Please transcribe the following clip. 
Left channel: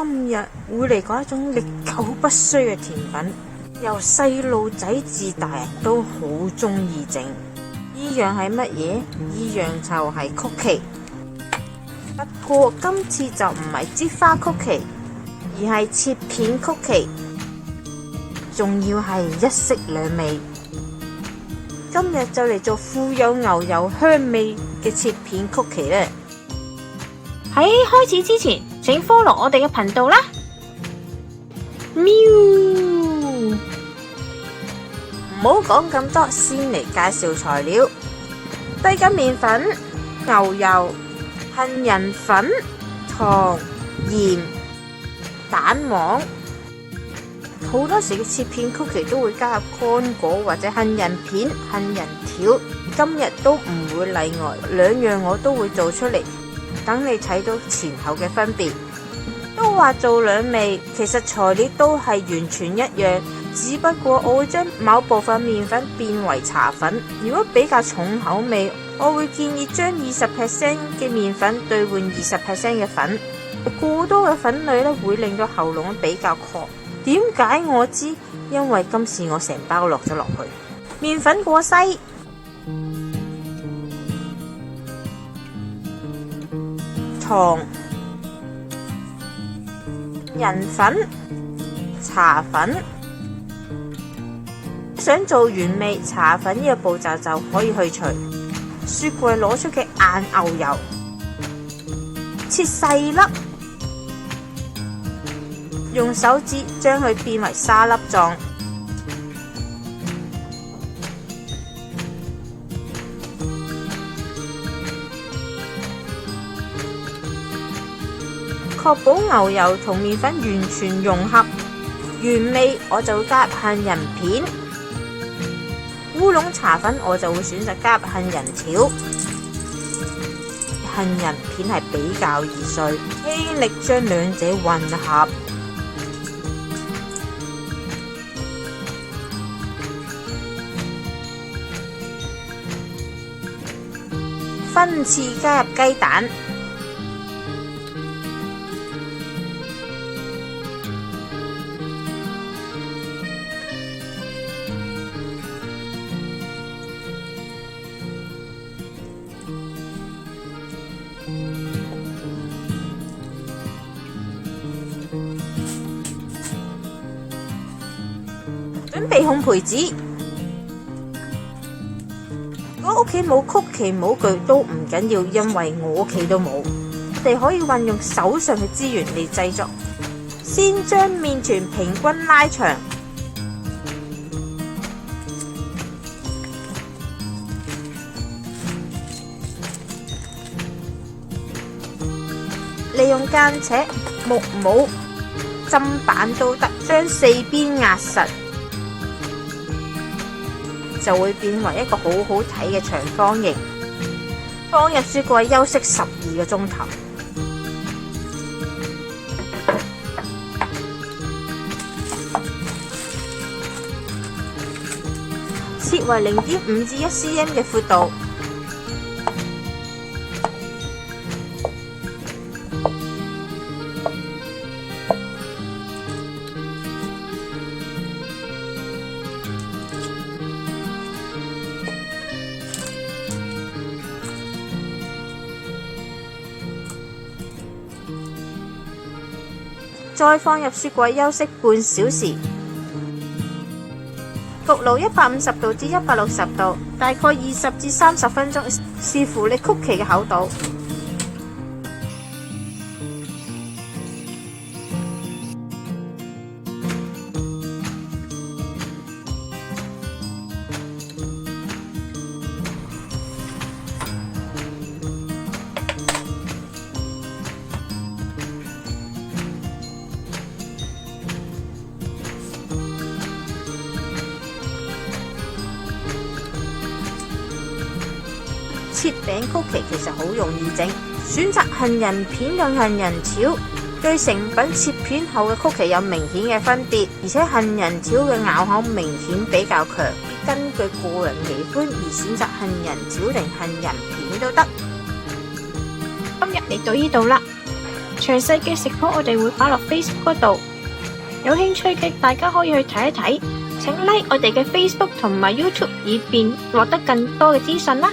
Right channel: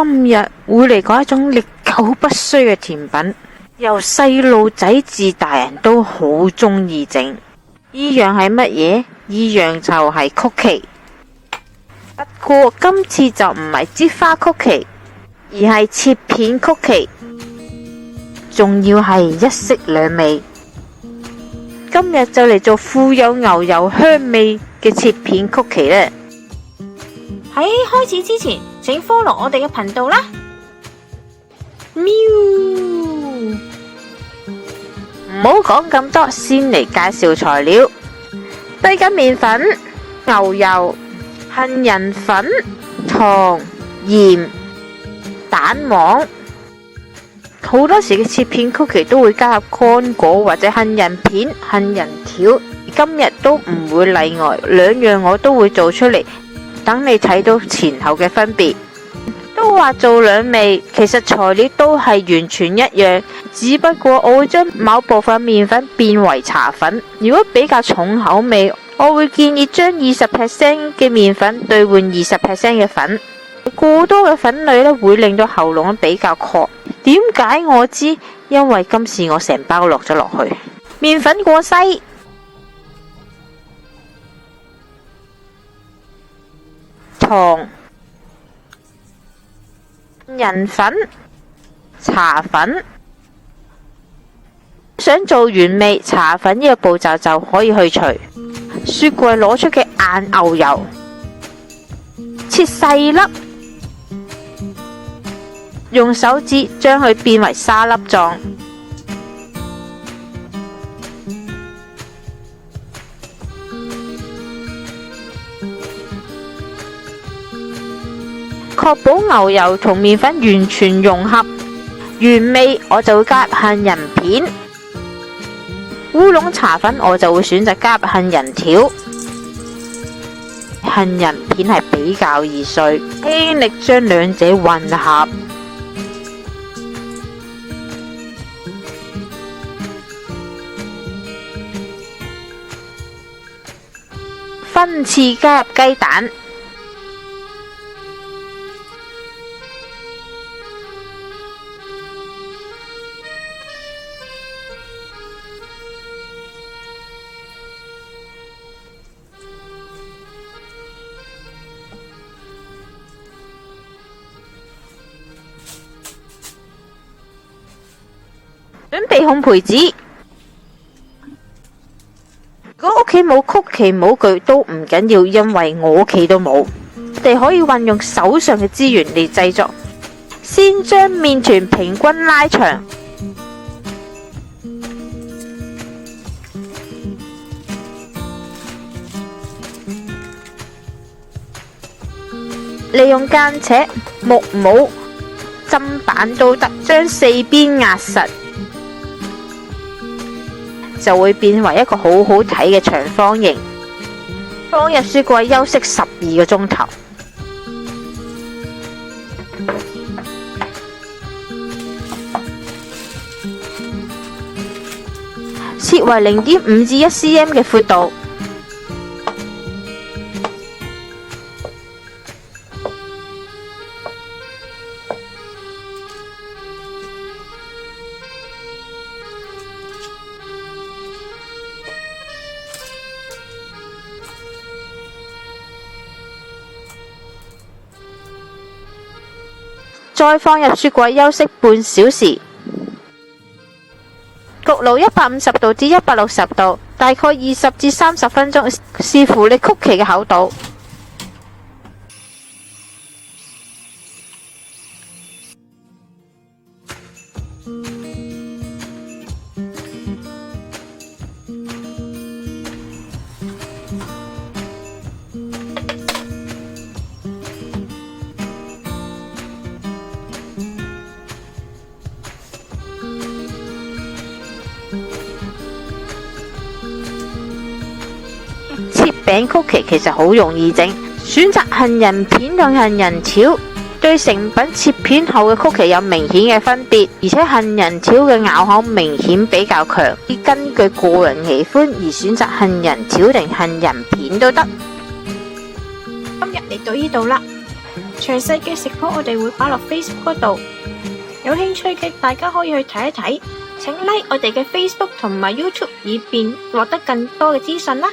今日會嚟講一種歷久不衰嘅甜品，由細路仔至大人都好中意整。呢樣係乜嘢？呢樣就係曲奇。不過今次就唔係擠花曲奇，而係切片曲奇，仲要係一式兩味。今日就嚟做富有牛油香味嘅切片曲奇啦！喺開始之前，請 follow 我哋嘅頻道啦。喵！唔好講咁多，先嚟介紹材料：低筋麵粉、牛油、杏仁粉、糖、鹽、蛋黃。好多時嘅切片曲奇都會加入乾果或者杏仁片、杏仁條，今日都唔會例外，兩樣我都會做出嚟，等你睇到前後嘅分別。都話做兩味，其實材料都係完全一樣，只不過我會將某部分麵粉變為茶粉。如果比較重口味，我會建議將20% 嘅麵粉兌換20% 嘅粉。過多嘅粉類咧會令到喉嚨比較渴。點解我知？因為今次我成包落咗落去。麵粉過篩，糖、人粉、茶粉。想做原味，茶粉呢個步驟就可以去除。雪櫃攞出嘅硬牛油，切細粒，用手指將佢變為沙粒狀。確保牛油同麵粉完全融合，原味我就會加入杏仁片，烏龍茶粉我就會選擇加入杏仁條。杏仁片係比較易碎，輕力將兩者混合，分次加入雞蛋。準備烘焙紙。如果屋企冇曲奇模具都唔緊要，因為我屋企都冇。你哋可以運用手上嘅資源嚟製作。先將麵團平均拉長，利用間尺、木模、砧板都得，將四邊壓實，就會變為一個好好睇嘅長方形。放入雪櫃休息12個鐘頭。切為0.5至1 cm 嘅闊度。再放入雪櫃休息半小時。焗爐150度至160度，大概20至30分鐘，視乎你曲奇嘅厚度。切餅曲奇其實好容易整，選擇杏仁片同杏仁條，對成品切片後嘅曲奇有明顯嘅分別，而且杏仁條嘅咬口明顯比較強，根據個人喜歡而選擇杏仁條定杏仁片都得。今日嚟到呢度啦，詳細嘅食譜我哋會擺落 Facebook 嗰度，有興趣嘅大家可以去睇一睇。請 like 我哋嘅 Facebook 同埋 YouTube，以便獲得更多嘅資訊啦。